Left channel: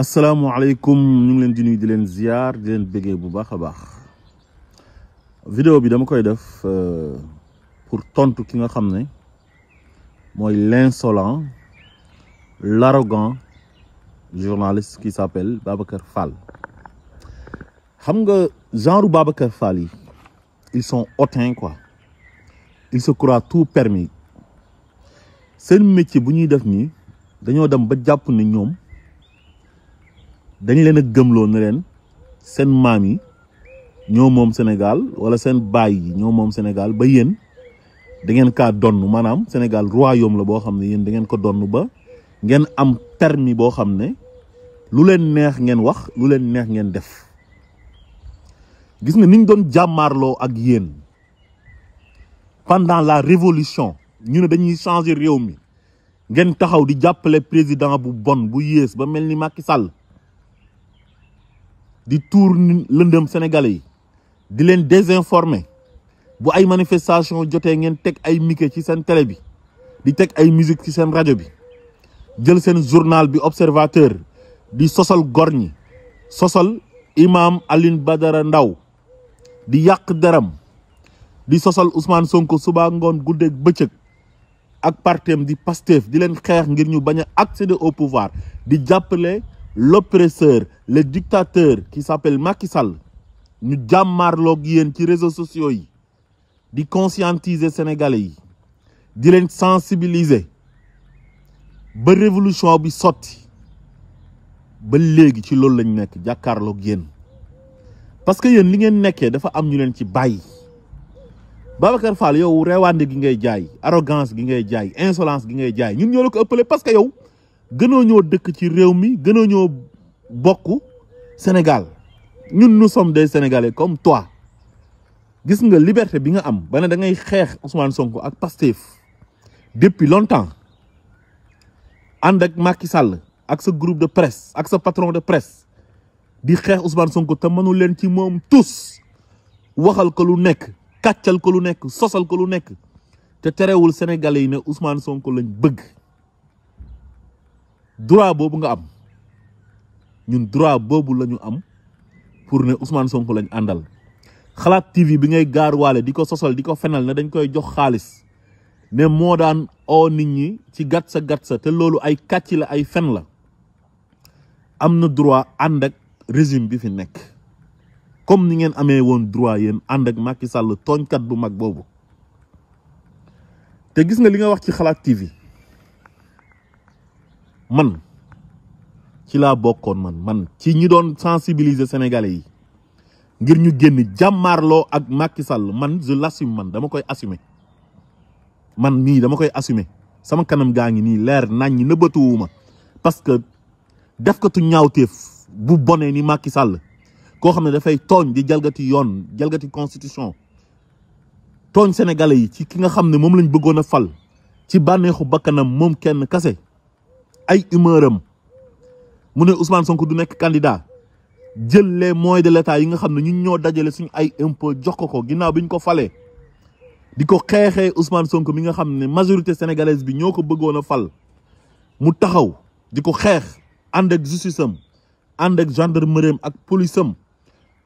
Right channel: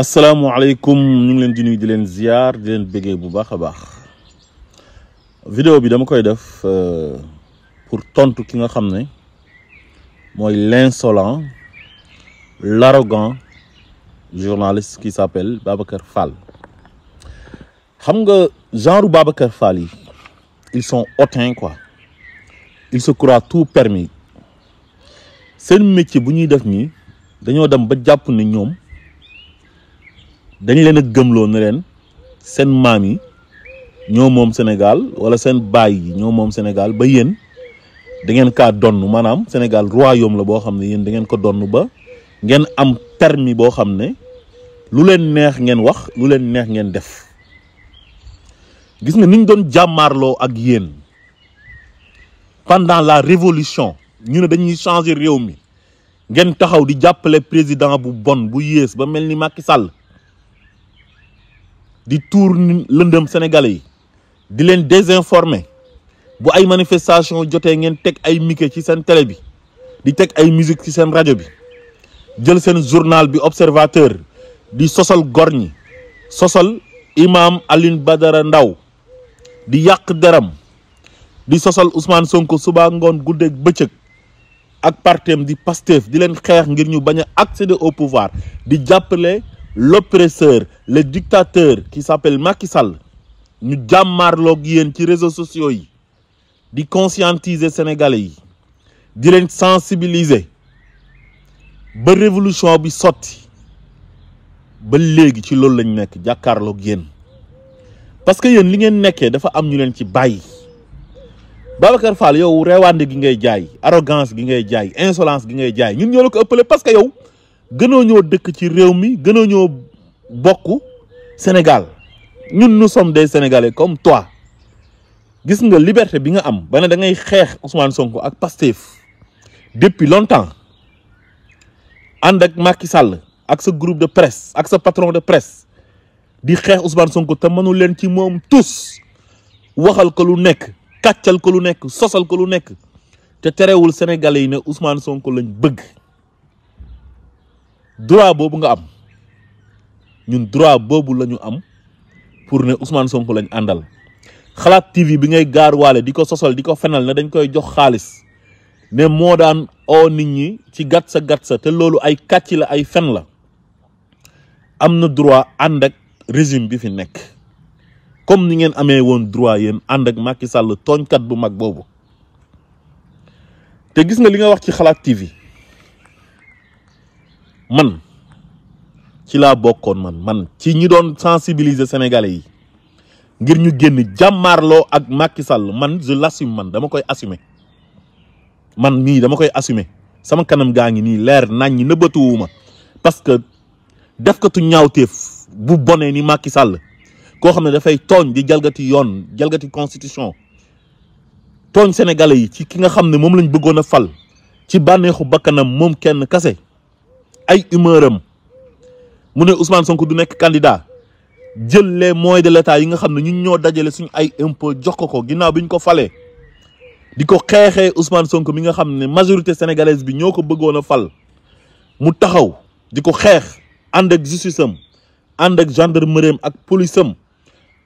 asalaamaaleykum ñu ngi leen di nuyu di leen ziar di leen bëggee bu baax a baax vidéo bi dama koy def pour tontu ki nga xam ne mooy l'insolent l'arrogant journaliste qui s'appelle Babacar Fall. xam nga genre Babacar Fall yi ils sont hautains quoi, ils se croient tout permis. seen métier bu ñuy def nii dañoo dem ba jàpp ne ñoom dañ leen a gëmloo ne leen seen maam yi ñoo moom Sénégal wala seen baay yi ñoo moom Sénégal ba yéen da ngeen kaa donn maanaam Sénégal royaume la boo xam ne yéen da ngeen ko donn ba ngeen am permis boo xam ne lu leen neex ngeen wax lu leen neex ngeen def. gis nga niñ doon jàmmaarloo ak yéen pendant la révolution ñu ne dañuy changer réew mi ngeen taxaw di jàppale président bu bon bu yées ba mel ni Macky Sall di tuur lëndëm sénégalais yi di leen désinformer bu ay manifestation jotee ngeen teg ay micro ci seen télé bi di teg ay musique ci seen rajo bi jël seen journal bi Observateur di sosal gor ñi sosal imam Alioune Badara Ndao di yàq deram di sosal Ousmane Sonko suba ngoon guddeeg bëccëg ak partem di Pastef di leen xeex ngir ñu bañ a accéder au pouvoir di jàppale l'oppresseur le dictateur qui s'appelle Macky Sall. ñu jàmmaarloog yéen ci réseaux sociaux yi di conscientiser sénégalais yi di leen sensibiliser ba révolution bi sotti ba léegi ci loolu lañ nekk jàkkaarloog yéen parce que yéen li ngeen nekkee dafa am ñu leen ci bàyyi. Babacar Fall yow reewaande gi ngay jaay arrogance gi ngay jaay insolence gi ngay jaay ñun ñoo la ko ëppale parce que yow gënoo ñoo dëkk ci réew mi gënoo ñoo bokk Sénégal ñun nous sommes des Sénégalais comme toi. gis nga liberté bi nga am ba ne da ngay xeex Ousmane Sonko ak Pastef depuis longtemps ànd ak Macky Sall ak sa groupe de presse ak sa patron de presse di xeex Ousmane Sonko te mënu leen ci moom tous waxal ko lu nekk kàccal ko lu nekk sosal ko lu nekk te terewul Sénégalais yi ne Ousmane Sonko lañ bëgg. droit boobu nga am ñun droit boobu la ñu am pour ne Ousmane Sonko lañ àndal. xalaat TV bi ngay gaar waale di ko sosal di ko fenal ne dañ koy jox xaalis ne moo daan oo nit ñi ci gat sa te loolu ay kàcc la ay fen la am na droit ànd ak régime bi fi nekk comme ni ngeen amee woon droit yéen ànd ak Macky Sall tooñkat bu mag boobu. te gis nga li nga wax ci xalaat TV man ci laa bokkoon man ci ñi doon sensibiliser sénégalais yi ngir ñu génn jàmmaarloo ak Macky Sall man je l'assume man dama koy assumer man mii dama koy assumer sama kanam gaa ngi nii leer nañ ñi nëbbatuwuma parce que def katu ñaawteef bu bonee ni Macky Sall koo xam ne dafay tooñ di jalgati yoon jalgati constitution tooñ sénégalais yi ci ki nga xam ne moom lañ bëggoon a fal ci bànneexu bakkanam moom kenn kase ay humeuram mu ne Ousmane Sonko du nekk candidat jël les moyens de l'État yi nga xam ne ñun ñoo dajale suñu ay impôt jox ko ginnaaw bi ñu ko falee di ko xeexee Ousmane Sonko mi nga xam ne majorité sénégalaise bi ñoo ko bëggoon a fal mu taxaw di ko xeex ànd ak justice am ànd ak gendarmerie am ak police am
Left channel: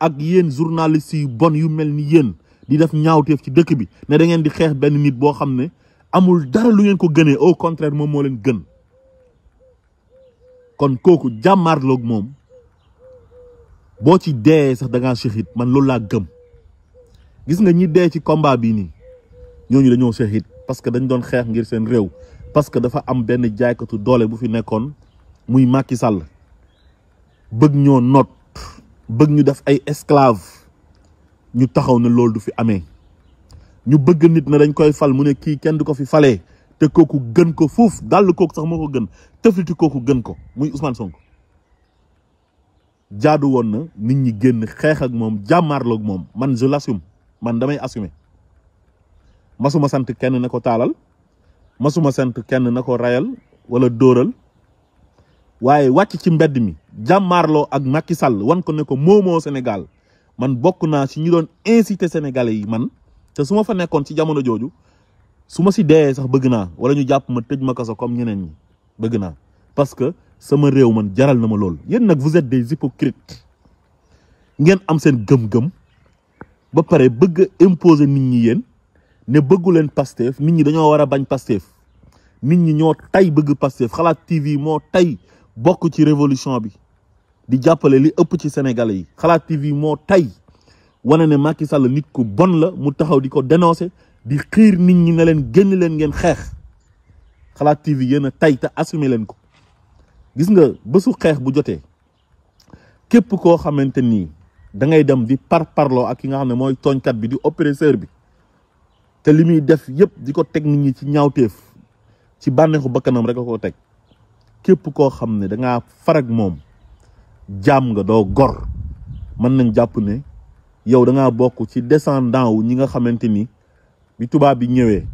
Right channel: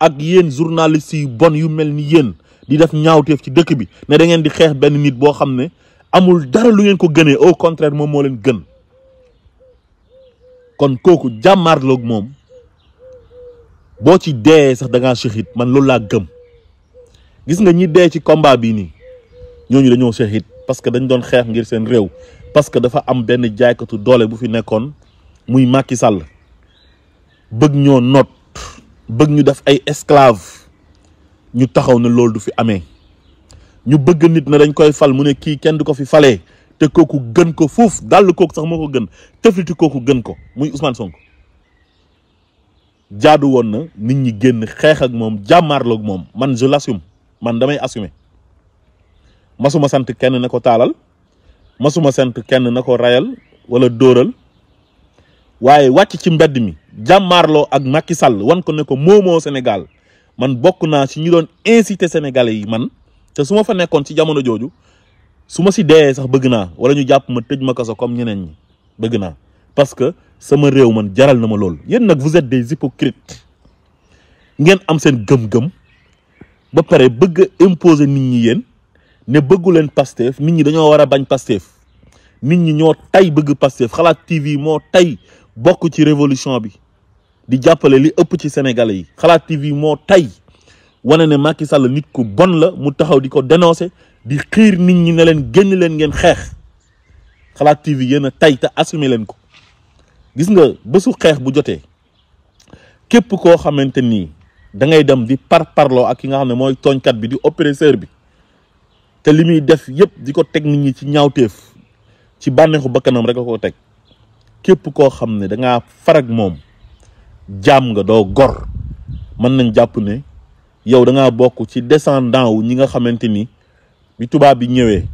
ak yéen journalistes yu bon yu mel ni yéen di def ñaawteef ci dëkk bi ne da ngeen di xeex benn nit boo xam ne amul dara lu ngeen ko gënee au contraire moom moo leen gën. kon kooku jàmmaarloog moom boo ci dee sax da ngaa shahid man loolu laa gëm. gis nga ñi dee ci combat bii nii ñooñu dañoo shahid parce que dañ doon xeex ngir seen réew parce que dafa am benn jaaykatu doole bu fi nekkoon muy Macky Sall bëgg ñoo noot bëgg ñu def ay esclave ñu taxaw ne loolu du fi amee ñu bëgg nit na dañ koy fal mu ne kii kenn du ko fi falee te kooku gën ko foofu dal kooku sax moo ko gën tëfliti kooku gën ko muy Ousmane Sonko. jaadu woon na nit ñi génn xeex ak moom jàmmaarloog moom man je l'assume man damay assumer masuma sant kenn na ko taalal masuma sant kenn na ko rayal wala dóoral waaye wàcc ci mbedd mi jàmmaarloo ak Macky Sall wan ko ne ko moomoo Sénégal man bokk naa ci ñu doon inciter sénégalais yi man te su ma fa nekkoon ci jamono jooju su ma si dee sax bëgg naa wala ñu jàpp ma tëj ma kaso comme ñeneen ñi bëgg naa parce que sama réew man jaral na ma loolu. Yéen nag vous êtes des hypocrites ngeen am seen gëm-gëm ba pare bëgg a imposer nit ñi yéen ne bëggu leen Pastef nit ñi dañoo war a bañ Pastef nit ñi ñoo tay bëgg Pastef Xalaat TV moo tay bokk ci révolution bi di jàppale li ëpp ci sénégalais yi. Xalaat TV moo tay wane ne Macky Sall nit ku bon la mu taxaw di ko dénoncer di xiir nit ñi ne leen génn leen ngeen xeex. Xalaat TV yéen a tay te assumer leen ko. Gis nga bésu xeex bu jotee képp koo xamante nii da ngay dem di parparloo ak ki nga xam ne mooy tooñkat bi di oppresseur bi te li muy def yëpp di ko teg nit ñi ci ñaawteef ci bànneexu bakkanam rek a ko teg képp koo xam ne da ngaa farag moom jaam nga doo gor mën nañ jàpp ne yow da ngaa bokk ci descendant wu ñi nga xamante ni bi tubaab bi ñëwee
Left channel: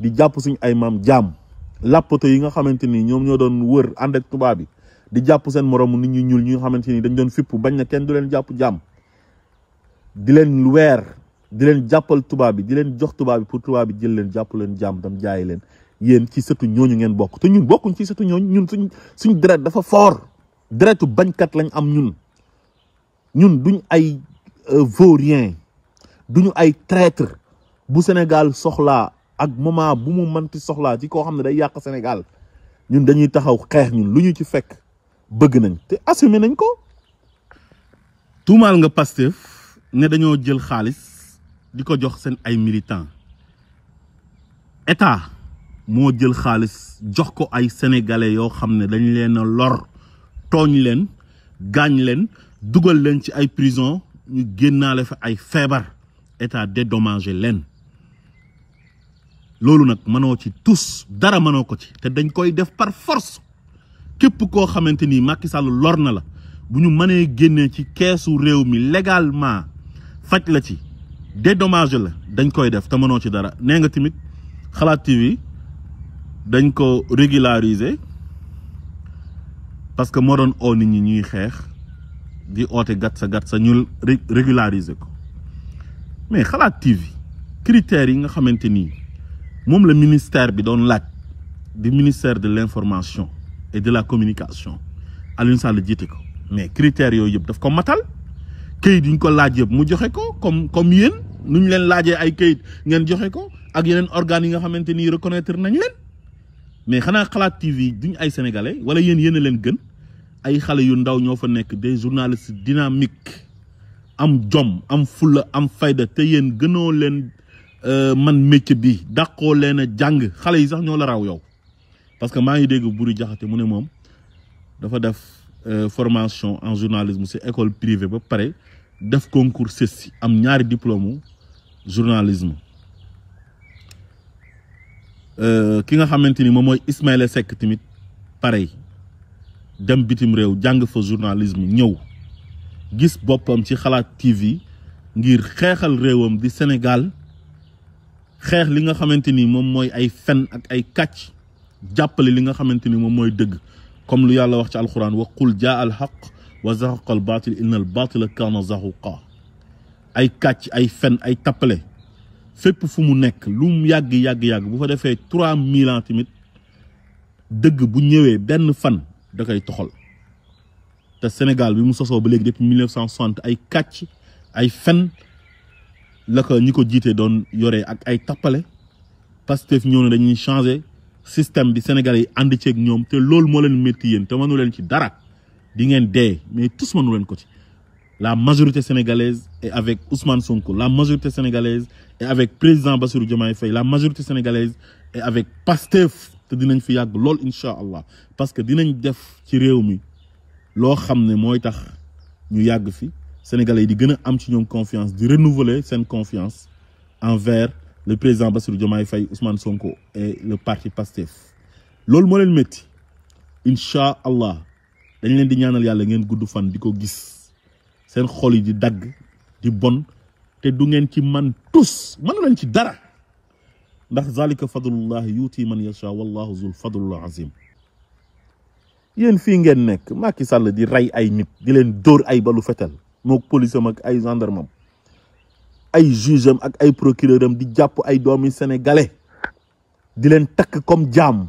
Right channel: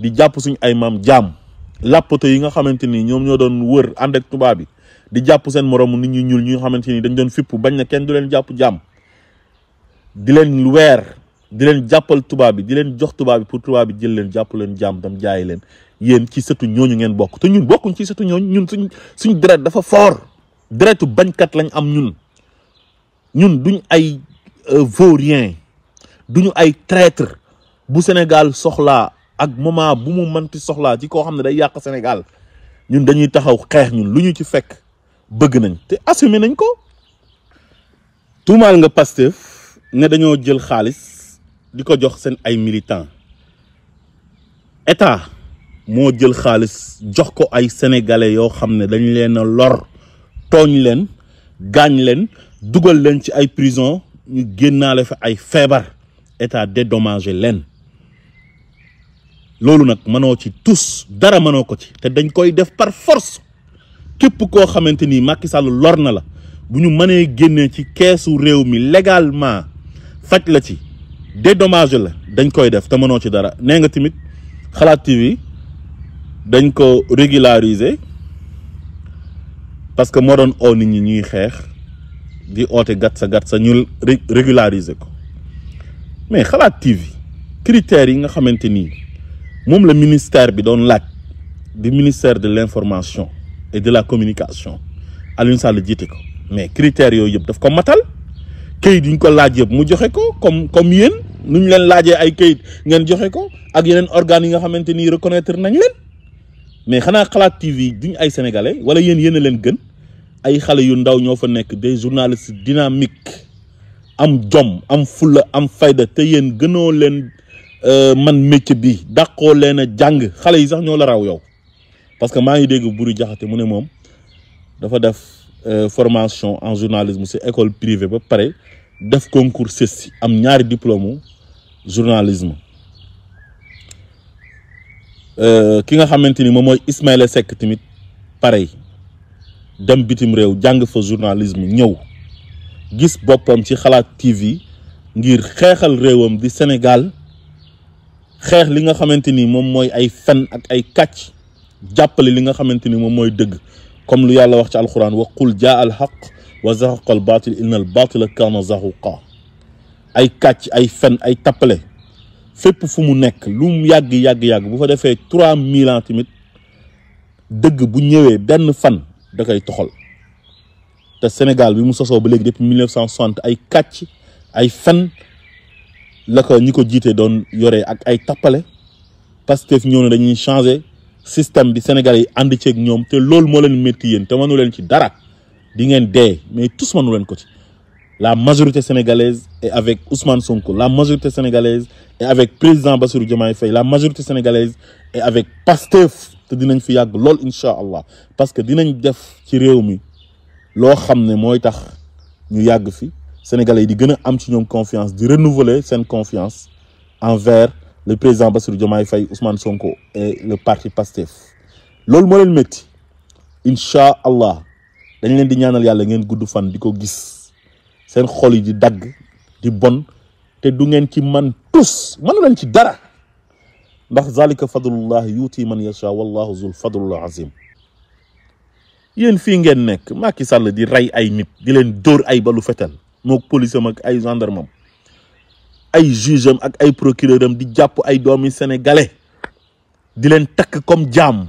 di jàpp suñu ay maam jaam làppato yi nga xamante ni ñoom ñoo doon wër ànd ak tubaab bi di jàpp seen moromu nit ñu ñuul ñi nga xamante ni dañ doon fipp bañ na kenn du leen jàpp jaam di leen weer di leen jàppal tubaab bi di leen jox tubaab bi pour tubaab bi jël leen jàpp leen jaam dam jaayi leen yéen ci sëtu ñooñu ngeen bokk te ñun bokkuñ ci sëtu ñooñu ñun suñ deret dafa fort deretu bañkat lañ am ñun duñ ay vaurien duñu ay traître bu Sénégal soxlaa ak moment bu mu mënti soxlaa ci koo xam ne day yàq Sénégal ñun dañuy taxaw xeex ñun lu ñu ci fekk bëgg nañ te assumé nañ ko. tuumaal nga Pastef ne dañoo jël xaalis di ko jox seen ay militants état moo jël xaalis jox ko ay sénégalais yoo xam ne dañ leen a lor tooñ leen gaañ leen dugal leen ci ay prison ñu génnaale fa ay feebar état dédommagé leen. loolu nag mënoo ci tus dara mënoo ko ci te dañ koy def par force képp koo xamante ni Macky Sall lor na la bu ñu mënee génnee ci keesu réew mi légalement faj la ci dédommagé la dañ koy def te mënoo ci dara. nee nga tamit Xalaat TV dañ ko régulariser parce que moo doon oo nit ñi ñuy xeex di oote gat sa ñu régulariser ko mais Xalaat TV critères yi nga xamante ni moom la ministère bi doon laaj di ministère de l'information et de la communication Aliou Sall jiite ko mais critères yooyu yëpp daf ko matal kayit yi ñu ko laaj yëpp mu joxe ko comme yéen nu ñu leen laajee ay kayit ngeen joxe ko ak yeneen organes yi nga xamante ni reconnaître nañ leen mais xanaa Xalaat TV duñ ay sénégalais wala yéen a leen gën ay xale yu ndaw ñoo fa nekk des journalistes dynamiques am jom am fulla am fayda te yéen gënoo leen man métier bi dàqoo leen a jàng xale yi sax ñoo la raw yow parce que maa ngi dégg Buri Jaxate mu ne moom dafa def formation en journalisme ci école privée ba pare def concours CESTI am ñaari diplôme journalisme ki nga xamante ni moom mooy Ismaïla Seck tamit pareil dem bitim réew jàng fa journalisme ñëw gis boppam ci Xalaat TV ngir xeexal réewam di Sénégal xeex li nga xamante ni moom mooy ay fen ak ay kàcc jàppale li nga xamante ni moom mooy dëgg comme lu yàlla wax ci alquran wa qul jaa al haqq wa zahaqa al batil inna al batila kana zahuqa ay kàcc ay fen ay tappale fépp fu mu nekk lu mu yàgg bu fa defee 3000 ans tamit dëgg bu ñëwee benn fan da koy toxal te Sénégal bi mu sosoo ba léegi depuis 1960 ay kàcc ay fen la ko ñi ko jiite doon yoree ak ay tappale Pastef ñëw na dañuy changer système bi Sénégalais yi ànd ceeg ñoom te loolu moo leen métti yéen te mënu leen ci dara di ngeen dee mais tous mënu leen ko ci. La majorité sénégalaise est avec Ousmane Sonko, la majorité sénégalaise est avec président Bassirou Diomaye Faye, la majorité sénégalaise est avec Pastef te dinañ fi yàgg lool incha allah parce que dinañ def ci réew mi loo xam ne mooy tax ñu yàgg fi. Sénégalais yi di gën a am ci ñoom confiance di renouveler seen confiance envers le président Bassirou Diomaye Faye, Ousmane Sonko et le parti Pastef loolu moo leen métti incha allah dañ leen di ñaanal yàlla ngeen gudd fan di ko gis seen xol yi di dagg di bon te du ngeen ci man tus mënu leen ci dara ndax zalika fadlullah yuuti man yasha wallahu zul fadlul azim. yéen fii ngeen nekk Macky Sall di rey ay nit di leen dóor ay balu fetal mook police am ak ay gendarme am ay juge am ak ay procureur am di jàpp ay doomi sénégalais di leen takk comme jaam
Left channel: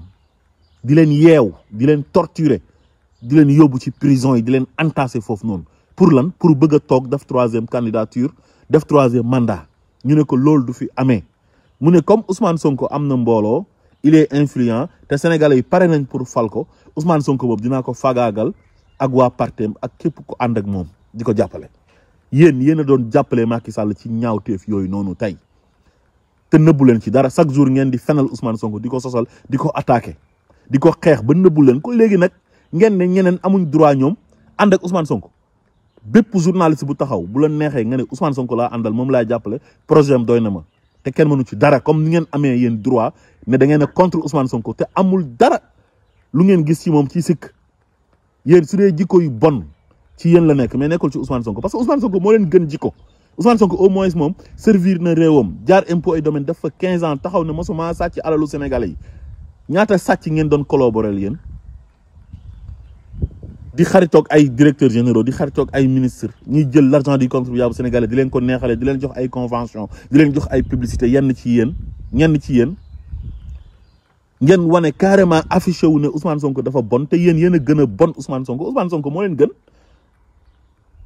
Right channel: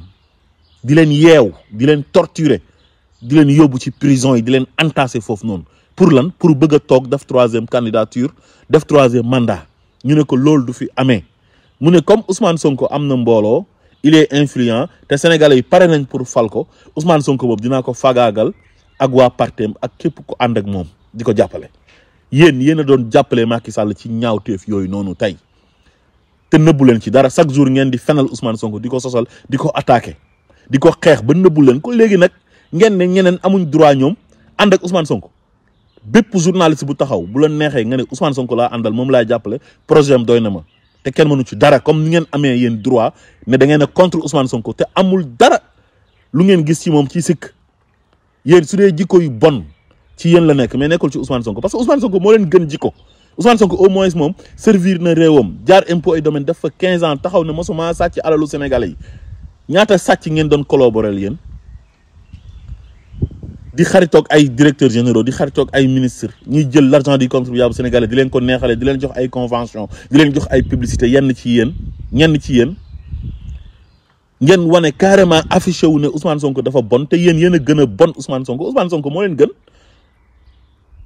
di leen yeew di leen torturer di leen yóbbu ci prison yi di leen entasser foofu noonu pour lan pour bëgg a toog def 3e candidature def 3e mandat ñu ne ko loolu du fi amee mu ne comme Ousmane Sonko am na mbooloo il est influent te Sénégalais yi pare nañ pour fal ko Ousmane Sonko boobu dinaa ko fagaagal ak waa partem ak képp ku ànd ak moom di ko jàppale. yéen a doon jàppale Macky Sall ci ñaawteef yooyu noonu tey te nëbbu leen ci dara chaque jour ngeen di fenal Ousmane Sonko di ko sosal di ko attaqué di ko xeex ba nëbbu leen ko léegi nag ngeen ne ñeneen amuñ droit ñoom ànd ak Ousmane Sonko bépp journaliste bu taxaw bu la neexee nga ne Ousmane Sonko laa àndal moom laay jàppale projet am doy na ma te kenn mënu ci dara comme ni ngeen amee yéen droit ne da ngeen a contre Ousmane Sonko te amul dara lu ngeen gis ci moom ci sikk yéen su dee jikko yu bon ci yéen la nekk mais nekkul ci Ousmane Sonko parce que Ousmane Sonko moo leen gën jikko Ousmane Sonko au moins moom servir na réewam jaar impôt et domaine def fa 15 ans taxaw ne mosuma sàcc alalu Sénégalais yi ñaata sàcc ngeen doon collaborer yéen di xaritoog ay directeurs généraux di xaritoog ay ministres ñuy jël l'argent du contribuable sénégalais di leen ko neexale di leen jox ay convention di leen jox ay publicité ñenn ci yéen ngeen wane carrément affiché wu ne Ousmane Sonko dafa bon te yéen a gën a bon Ousmane Sonko moo leen gën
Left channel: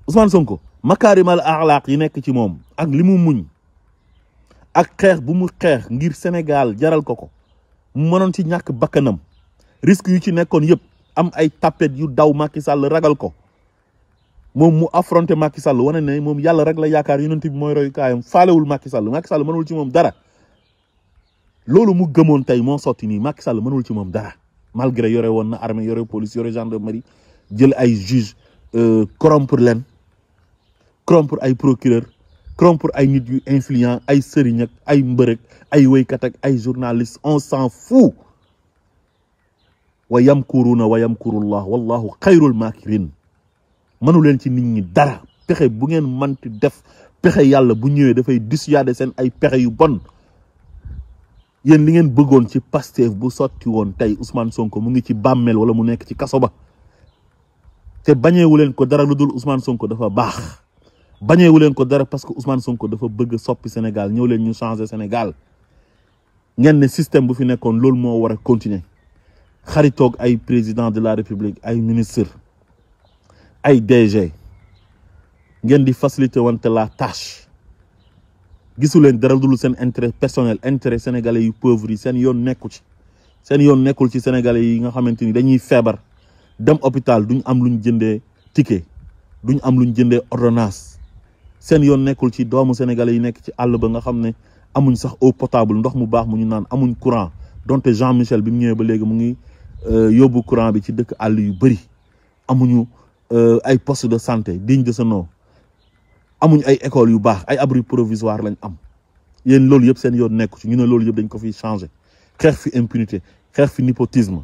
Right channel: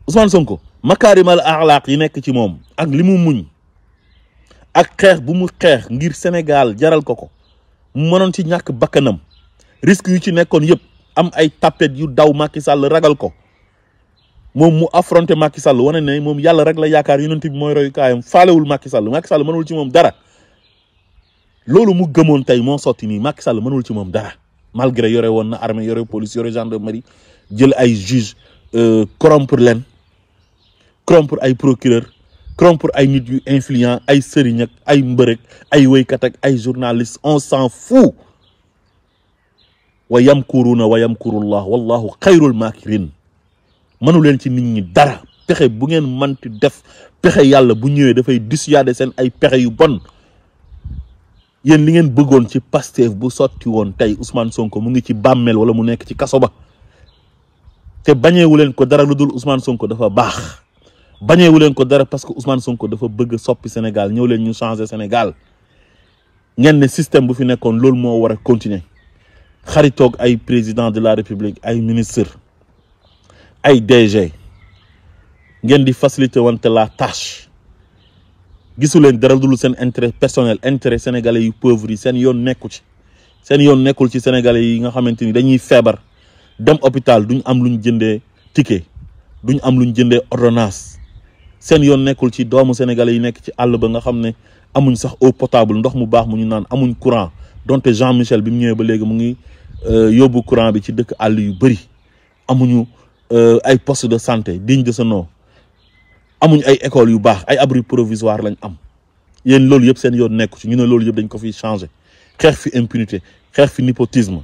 Ousmane Sonko makaarimal axlaaq yi nekk ci moom ak li mu muñ ak xeex bu mu xeex ngir Sénégal jaral ko mu mënoon ci ñàkk bakkanam risque yu ci nekkoon yëpp am ay tapet yu daw Macky Sall ragal ko moom mu affronté Macky Sall wane ne moom yàlla rek la yaakaar yonent bi mooy royukaayam faalewul Macky Sall mënul ci moom dara loolu mu gëmoon tey moo sotti nii Macky Sall mënul ci moom dara malgré yore woon na armée yore police yore gendarmerie jël ay juge corrompre leen corrompre ay procureur corrompre ay nit yu influent ay sëriñ ak ay mbërëg ay wéykat ak ay journaliste on s'en fout wa yamkuruna wa yamkurullah wallahu xayrul makirin mënu leen ci nit ñi dara pexe bu ngeen manti def pexe yàlla bu ñëwee dafay dissuader seen ay pexe yu bon yéen li ngeen bëggoon ci Pastef bu sotti woon tey Ousmane Sonko mu ngi ci bàmmeel wala mu nekk ci kaso ba te bañeewu leen ko dara lu dul Ousmane Sonko dafa baax bañeewu leen ko dara parce que Ousmane Sonko dafa bëgg soppi Sénégal ñëw leen ñu changer Sénégal ngeen ne système bu fi nekkoon loolu moo war a continuer xaritoog ay président de la République ay ministre ay DG ngeen di faciliter wante la tâche gisu leen dara dul seen intérêt personnel intérêt sénégalais yu pauvres yi seen yoon nekku ci seen yoon nekkul ci sénégalais yi nga xamante ni dañuy feebar dem hôpital duñ am luñ jëndee ticket duñ am luñ jëndee ordonnance seen yoon nekkul ci doomu sénégalais yi nekk ci àll ba nga xam ne amuñ sax eau potable ndox mu baax mu ñu naan amuñ courant donte Jean Michel bi mu ñëwee ba léegi mu ngi yóbbu courant bi ci dëkk àll yu bëri amuñu ay poste de santé digne de ce nom amuñ ay écoles yu baax ay abri provisoire lañ am yéen loolu yëpp seen yoon nekku ci ñu ne loolu yëpp dañ ko fi changer xeex fi impunité xeex fi népotisme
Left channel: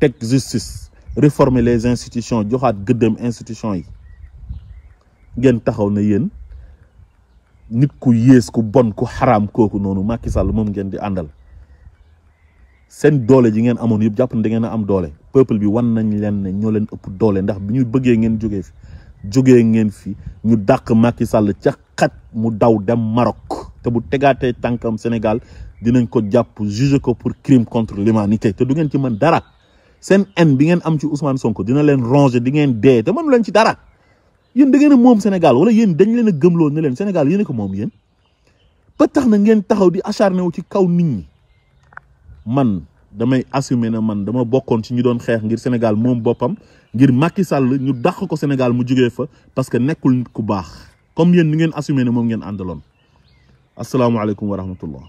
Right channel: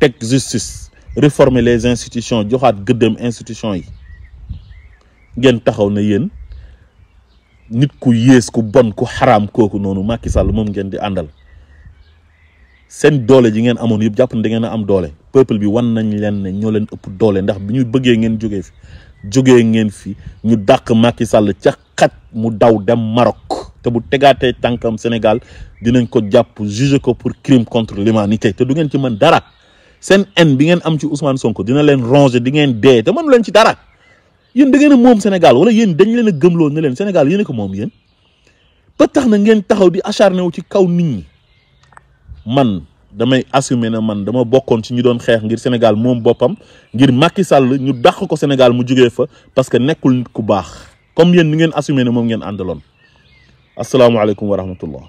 teg justice réformer les institutions joxaat gëddëm institution yi ngeen taxaw na yéen nit ku yées ku bon ku xaraam kooku noonu Macky Sall moom ngeen di àndal seen doole ji ngeen amoon yëpp jàpp ne da ngeen a am doole peuple bi wan nañ leen ne ñoo leen ëpp doole ndax bi ñu bëggee ngeen jógee ngeen fi ñu dàq Macky Sall ca xaj mu daw dem Maroc te bu tegaatee tànkam Sénégal dinañ ko jàpp juger ko pour crime contre l'humanité te du ngeen ci mën dara seen haine bi ngeen am ci Ousmane Sonko dina leen ronger di ngeen dee te mënu leen ci dara yéen da ngeen a moom Sénégal wala yéen dañ leen a gëmloo ne leen Sénégal yéen a ko moom yéen ba tax na ngeen taxaw di acharné wu ci kaw nit ñi. man damay assumer na man dama bokkoon ci ñu doon xeex ngir Sénégal moom boppam ngir Macky Sall ñu dàq ko Sénégal mu jógee fa parce que nekkul nit ku baax comme yéen ni ngeen assumer ne moom ngeen àndaloon asalaamaaleykum wa rahmatullah